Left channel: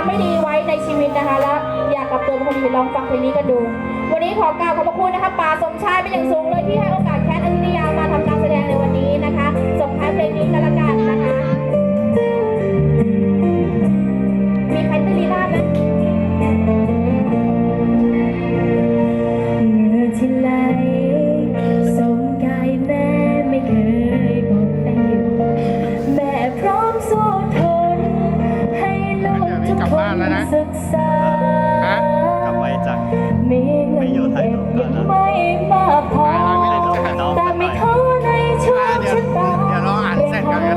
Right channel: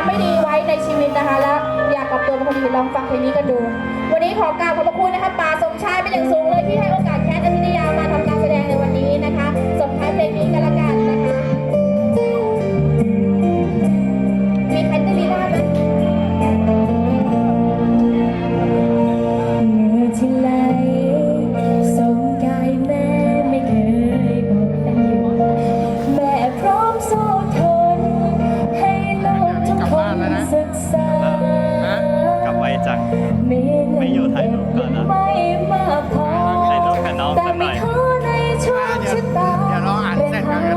ำไม่ดีไว้ในชีวิตนะคะ แล้วอยากกลับตัวเป็นคนดีลองฟังเพลงนี้กันดู วันนี้ขอกล่าวขอบพระคุณนะคะป่าสมชายเป็นอย่างสูง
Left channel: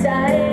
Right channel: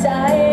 ใจ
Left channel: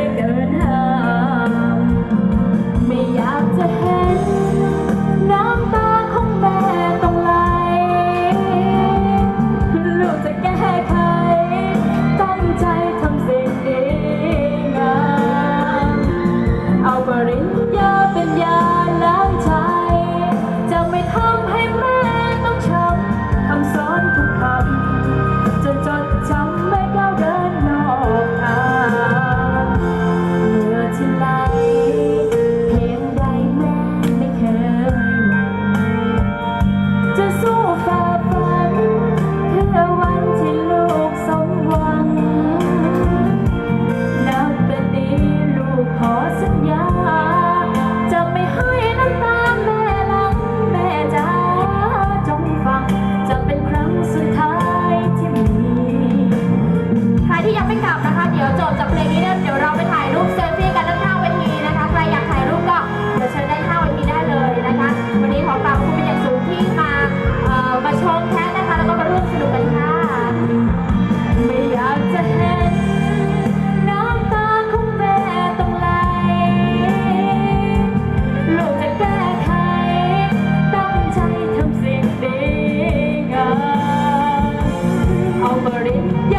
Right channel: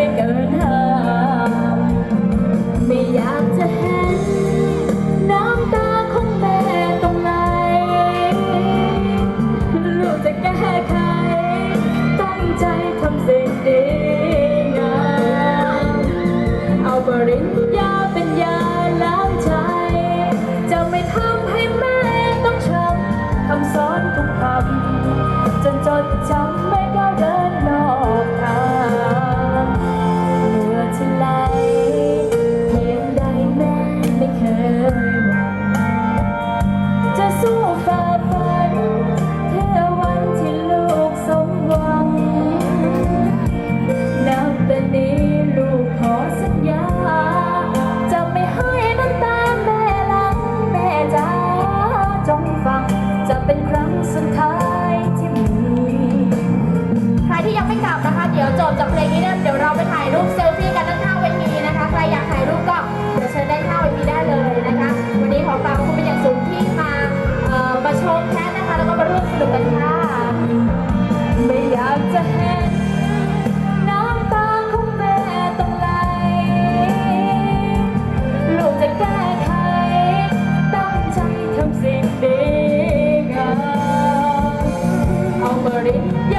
ไม่กลับนะคะ เดี๋ยวจบจากเพลงนี้เดี๋ยวเราไปถ่ายรูปเซลฟี่กันด้านข้าเวทีนะคะ ใครอยากถ่ายรูปก็เดี๋ยวเชิญได้ข้าเวทีได้เลยนะคะ วันนี้ขอกราบคุณเป็นอย่างสูงที่มาเอ่อมาชมแท้นะคะ แล้วก็มาร่วมสนุกกันค่ะ ไม่อยากจะเห็น้ำตาขงแม่ต้งไหล ลูกจะแก้ไขตั้งใจทำสิ่งดีงามเอามาเรียน